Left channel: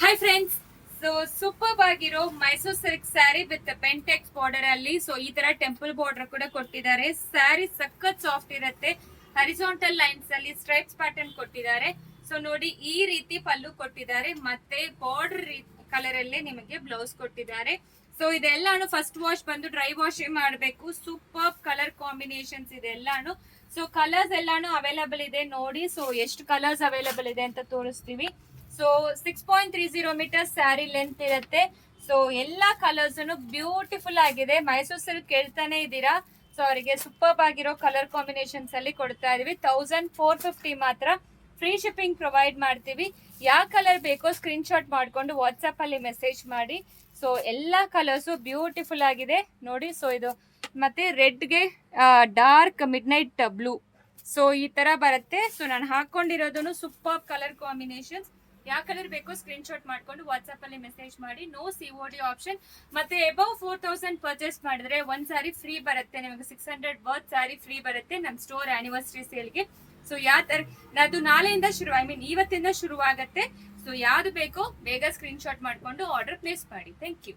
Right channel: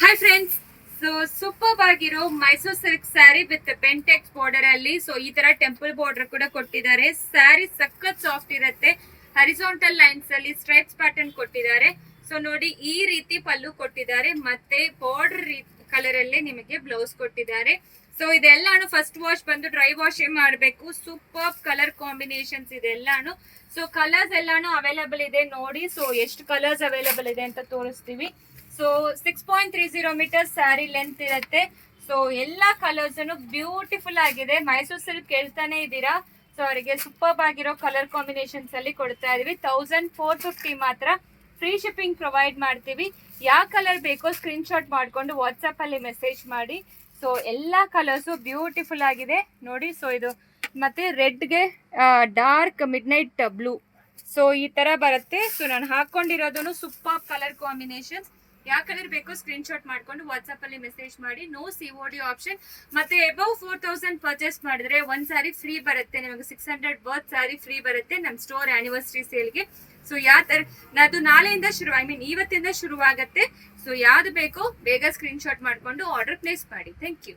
Hi friends, so super ಆಗಿರೋ Mysore silk sari with ಪೆಂಟೆಕ್ಸ್ border ಅಲ್ಲಿ ಸೊ ಈ ತರ ಟೆಂಪಲ್ ಬಾರ್ಡರ್ ಕೂಡ ಕೊಟ್ಟಿದ್ದಾರೆ. ಸ್ಯಾರಿ ಸಖತ್ ಸಾಫ್ಟ್ ಇರುತ್ತೆ. ಹರಿಜಾಂಟಲ್ ಲೈನ್ಸ್ ಅಲ್ಲಿ ಸ್ಟ್ರೈಪ್ಸ್ ಪ್ಯಾಟರ್ನ್ ಕೊಟ್ಟಿದ್ದಾರೆ. ಸೊ ನೋಡಿ, ಈ ರೀತಿ ಪಲ್ಲು ಕೊಟ್ಟಿದ್ದಾರೆ ಮತ್ತೆ ಬಾರ್ಡರ್ ಕಲರ್ ಅಲ್ಲೇ ನಿಮಗೆ ಬ್ಲೌಸ್ ಕೊಟ್ಟಿದ್ದಾರೆ. ಸೊ ಇದೆಲ್ಲಾನು ಫಸ್ಟ್ ವಾಶ್ ಬಂದು ಡ್ರೈ ವಾಶ್ ಮಾಡಬೇಕು. ಸೂಪರ್ ಕಲರ್ ಕಾಂಬಿನೇಷನ್ಸ್ ಇದೆಲ್ಲಾನು. ಸೊ ಕಲರ್ಸ್ ಎಲ್ಲಾನು ಅವೈಲೇಬಲ್ ಇದೆ ನೋಡಿ. ಸೊ ಎಷ್ಟು ಕಲರ್ಸ್ ಅವೈಲೇಬಲ್ ಇದೆ ಅಂತ ತೋರಿಸ್ತೀವಿ. ಸೊ 6.30 ಮೀಟರ್ ಸ್ಯಾರಿ ಲೆಂತ್ ಇರುತ್ತೆ. ಸೊ ಎಲ್ಲಾ ಕಲರ್ಸ್ ಬ್ಯೂಟಿಫುಲ್ ಆಗಿದೆ. ಮೈಸೂರು ಸಿಲ್ಕ್ ಕೇಳ್ತಾನೆ ಇದ್ದೀರಾ. ಸೊ ಅವರಿಗೆ ಸೂಪರ್ ಆಗಿರೋ ಕಲರ್ ಕಾಂಬಿನೇಷನ್ಸ್ ಅಲ್ಲಿ ಕೊಡ್ತಾ ಇದೀವಿ. 1450 ಮಾತ್ರ. ಫ್ರೀ ಶಿಪ್ಪಿಂಗ್ ಪ್ರೊವೈಡ್ ಮಾಡ್ತೀವಿ. ಯಾವ ಕಲರ್ ಬೇಕೋ ಸ್ಕ್ರೀನ್ ಶಾಟ್ ಮಾಡ್ಕೊಂಡು ವಾಟ್ಸಪ್ ಅಲ್ಲಿ ಮೆಸೇಜ್ ಮಾಡಿ. ಸೊ ಎಲ್ಲಾ ಕಲರ್ಸು ಬ್ಯೂಟಿಫುಲ್ ಆಗಿದೆ ನೋಡಿ. ಸೊ ಇದು ಮತ್ತೆ ರೆಡ್ಗೆ dark midnight blue. So ಈ ತರ ಬರುತ್ತೆ. ಸೊ ನಾನು ಹಾಕೊಂಡಿರೋದನ್ನು ಸೂಪರ್ ಕಲರ್ ಕಾಂಬಿನೇಷನ್ಸ್. ಯಾವ ಕಲರ್ ಬೇಕೋ ಸ್ಕ್ರೀನ್ ಶಾಟ್ ಮಾಡ್ಕೊಂಡು ವಾಟ್ಸ್ಆಪ್ ಅಲ್ಲಿ ಮೆಸೇಜ್ ಮಾಡಿ. No COD option. ಮತ್ತೆ ಅಬೌವ್ 4000 ಪರ್ಚೇಸ್ ಮಾಡಿದ್ರೆ ಒಂದ್ ಸ್ಯಾರಿ ಫ್ರೀ ಬರುತ್ತೆ. ನಿಮಗೆ 600 ವರ್ತ್ ಸ್ಯಾರಿ ಫ್ರೀ ಬರುತ್ತೆ ನಮ್ಮ ಸ್ಟೋರ್ ಆನಿವರ್ಸರಿ ಸೇಲ್ಗೆ. ಸೊ ಯಾವ ತರ ಅದು ನಾಳೆಯಿಂದ ಶುರು, ಇವತ್ತಿಂದ ಶುರುವಾಗತ್ತೆ. ಸೊ ಯಾವ್ದು ಬೇಕೋ ಬೇಗ ಸ್ಕ್ರೀನ್ ಶಾಟ್ ಮಾಡ್ಕೊಂಡು ಆರ್ಡರ್ ಪ್ಲೇಸ್ ಮಾಡಿ. Thank you.